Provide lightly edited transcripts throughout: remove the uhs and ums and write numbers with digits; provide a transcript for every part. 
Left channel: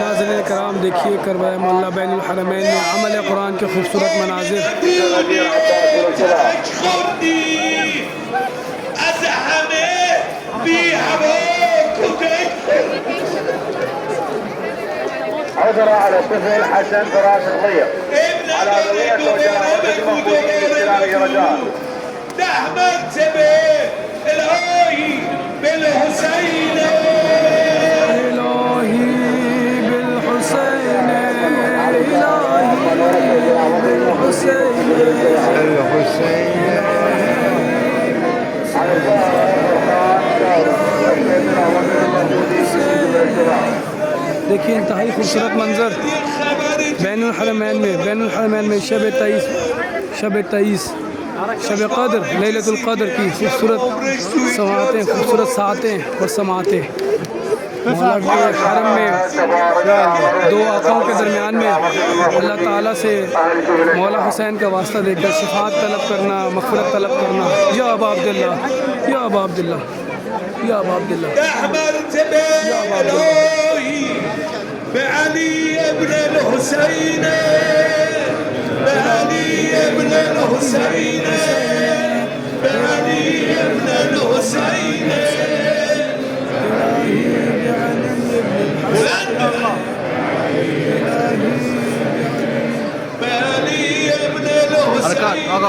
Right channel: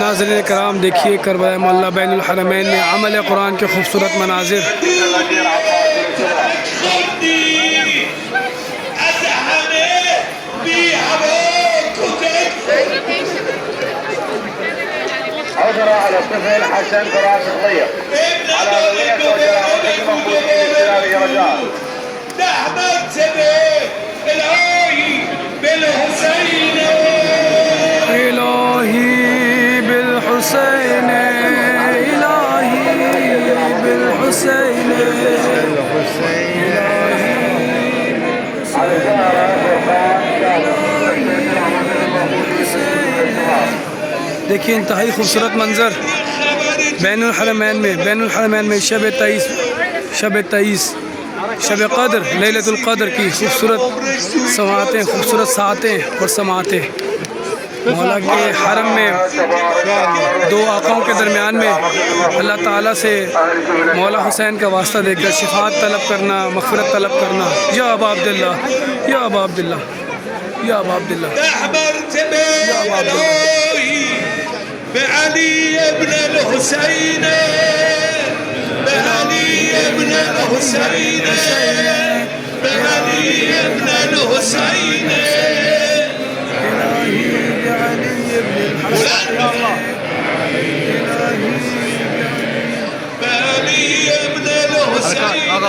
नाज़रीन कराम देखिए करबला मोहल्ला बैनुल हरमैन में अमल कुरान के खूबसूरत मनाजिर। عذرا على الطفل حسن فراس الضيق على ضوية وجراوته المفروض باستلال رجال نحمد بالهاي بالحسين إلهي بالحسين إلهي بالحسين देखिए इंतहाई खूबसूरत मंज़र बैनुल हरमैन में शब 23 शब क़द्र लैलतुल क़द्र की खूबसूरत समातें, खूबसूरत सातें और समातें मौला के हरम में दो आकाओं के दरमियान में अल्लाह ताला से मौला हुसैन का वास्ता देकर शिफात तलब करना, मग़फ़िरत तलब करना। या अबा अब्दुल्लाह, या अबा अब्दुल्लाह, या अबा अब्दुल्लाह, या अबा अब्दुल्लाह। بعلي ابن الحسين بعلي ابن الحسين بعلي ابن الحسين إلهي بعلي ابن الحسين إلهي بعلي ابن الحسين بعلي ابن الحسين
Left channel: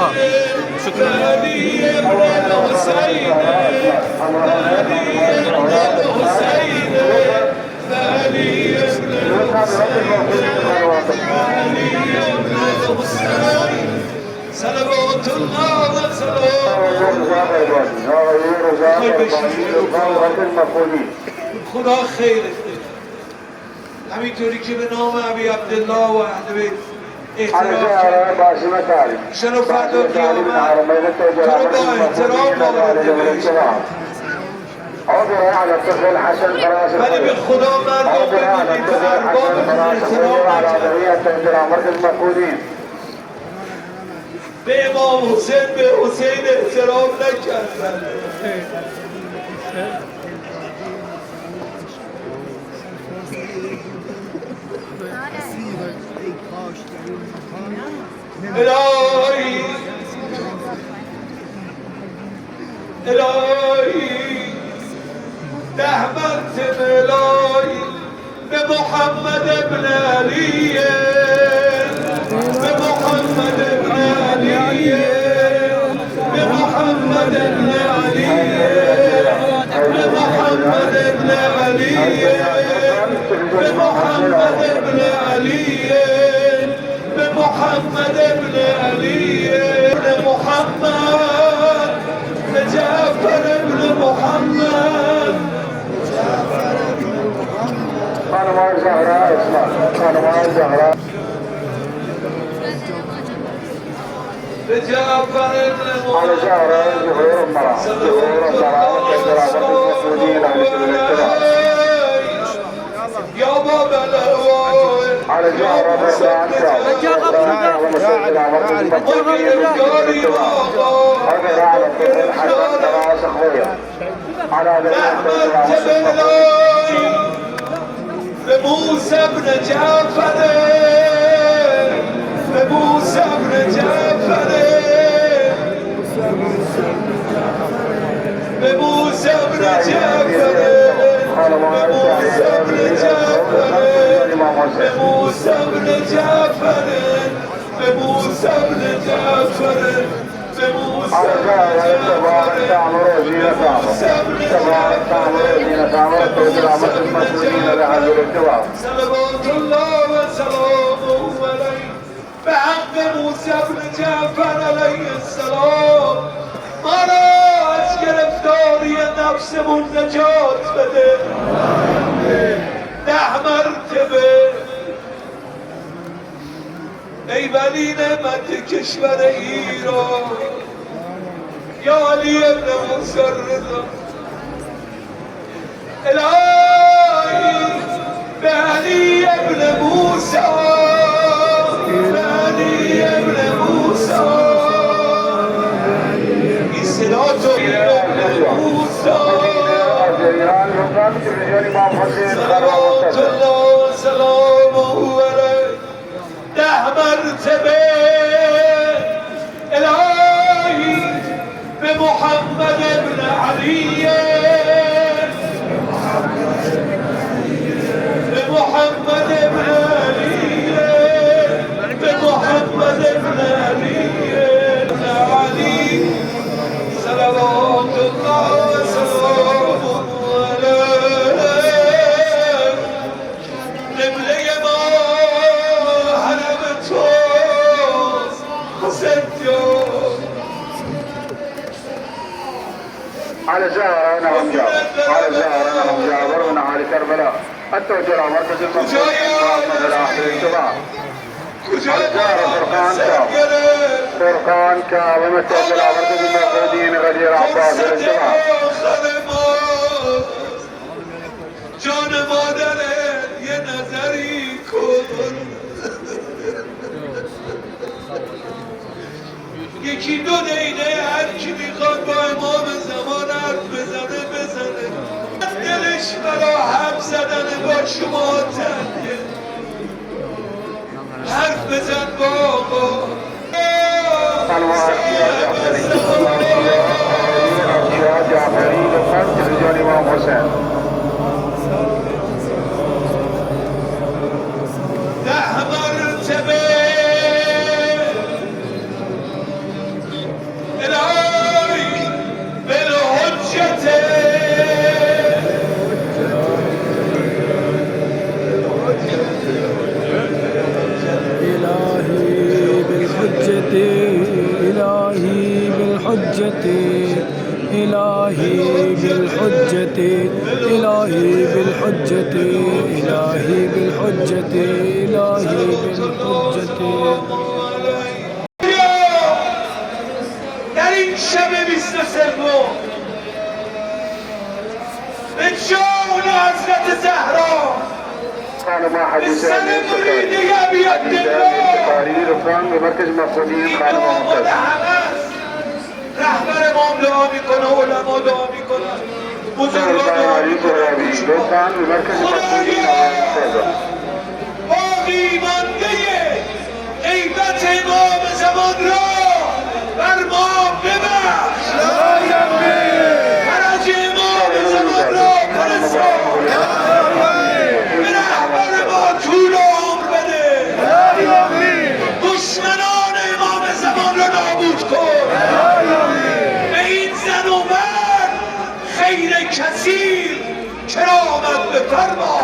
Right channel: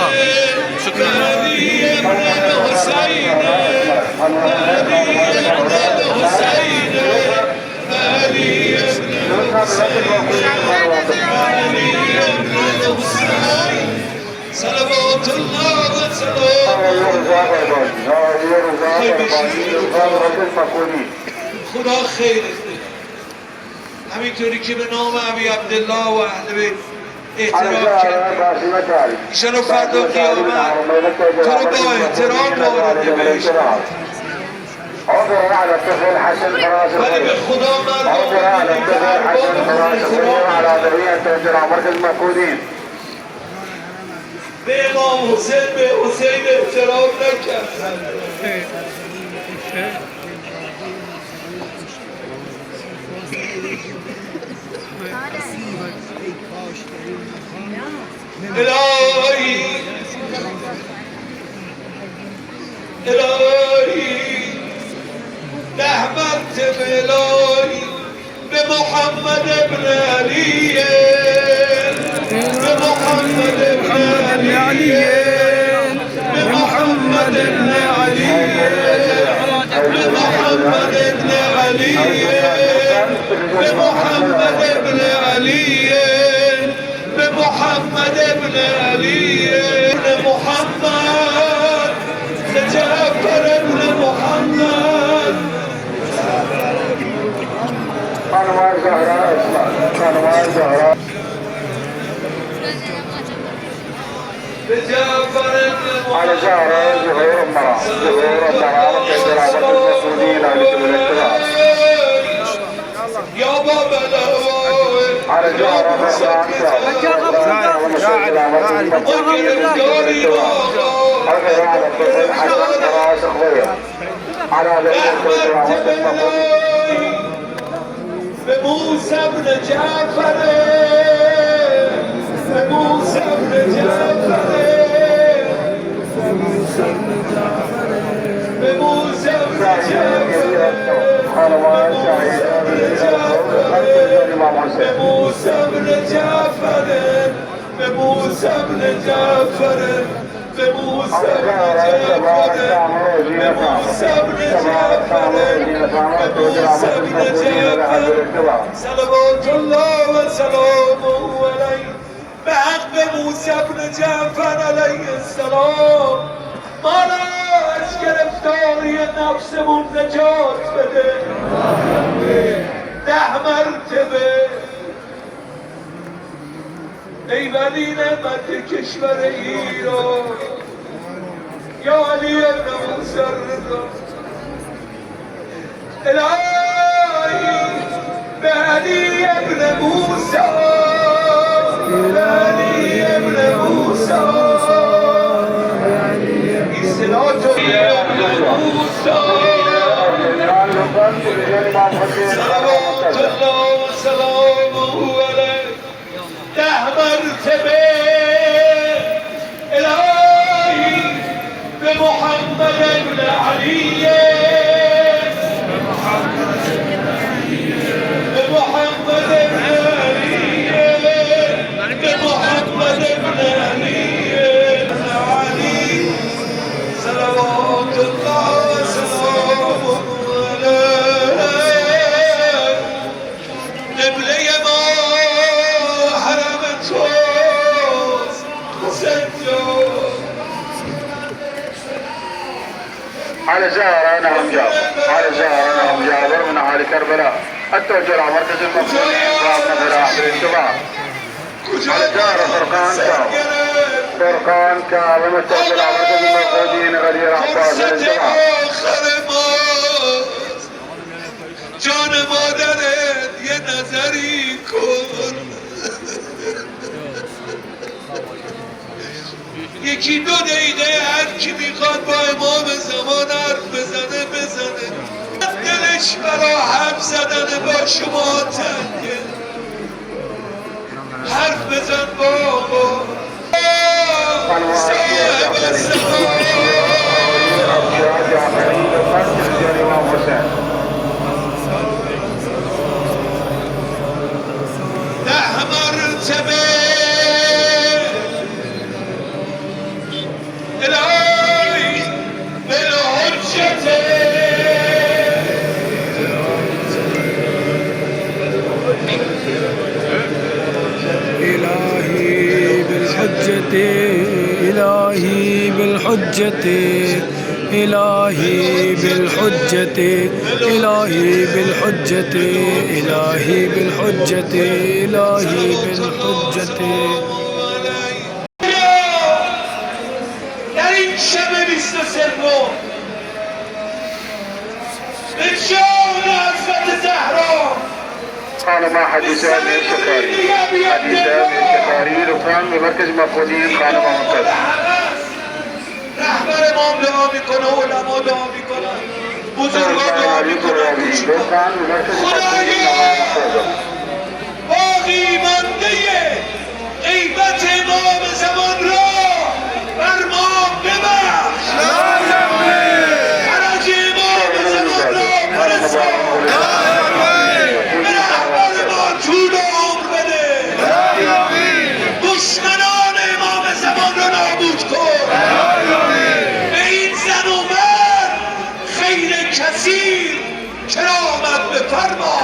صلوات الله خدا خیر همینطوری که به نام ابی عبدالله و اهل بیت احترام کردیم ایشان فردا قیامت تو رو با احترام آورده بهش عذرا على الطفل حسن فراس الضيق عذرا على الطفل حسن فراس الضيق على ضوية وجراء مركز مفقودين به امام حسین به حسین احترام نکردن الهی الهی نحمد الهی به محمد ابن علی به محمد ابن علی به محمد ابن علی به محمد ابن علی به محمد ابن علی به محمد ابن علی به محمد جعفر ابن محمد خانوار زهراء اسماء خانوار زهراء على زهراء ظهور المرأة ظهور المرأة وتجربة المسؤولين عن الاجتماع يا بابا على زهراء على الطفل حسن فراس الضيق على بموسى بن جعفر بموسى بن جعفر بموسى بن جعفر بموسى بن جعفر بموسى بن جعفر بموسى بن جعفر بموسى بن جعفر على زهراء تبارك تعمر وجينا صلوات الله وسلامه عليه بحق موسی بن جعفر علیه السلام ما را از گرفتاری نفسمون نجات بده 10 مرتبه ای ولی نعمت کشور ایران یا علی ابن موسی رضا الهی به علی ابن موسی به علی ابن موسی این صدا تو ابن موسی صلوات الله وسلامه عليه. 10 مرتبه الهی به محمد ابن علی، به محمد ابن علی، به محمد ابن علی علی، صلوات الله وسلامه علیه. قبله ما حرم توست حسین جان. على زهرة نعم جابر، على زهرة نعم جابر من أهل كربلاء التوجه إلى مركز المقصود إسرائنا إلى آخر الجماعة. على زهرة فرقان كاظم، فرقان كاظم التوجه إلى مركز المقصودين غدير عباس الجماعة. جان مادرت یه نظری کن، یکی 2 دقیقه هر کی میخواد با امام زمان حرف بزنه بزنه. دلش برا حرف زدن با شما تنگه، حرف بزن بابا. إلهي بالحجة، إلهي بالحجة، إلهي بالحجة، إلهي بالحجة، إلهي بالحجة، إلهي بالحجة. در این شب 23 به جان حضرت زهرا خانم حديثان من الشفاري، حديثان من الشفاري رفان بمركز مقصودين خانم ممتاز. رهبر امام دعا میکنه، علما دعا میکنن، بزرگان دعا میکنن. خدایا باقی مانده غیبت امام زمان را بر ما ببخش. حراج امام زمان را پرستان، به رهبر ما طول عمر بده. دشمنان امام زمان را نابود کن. به این زن و مرد خیر کثیر کرامت بفرما.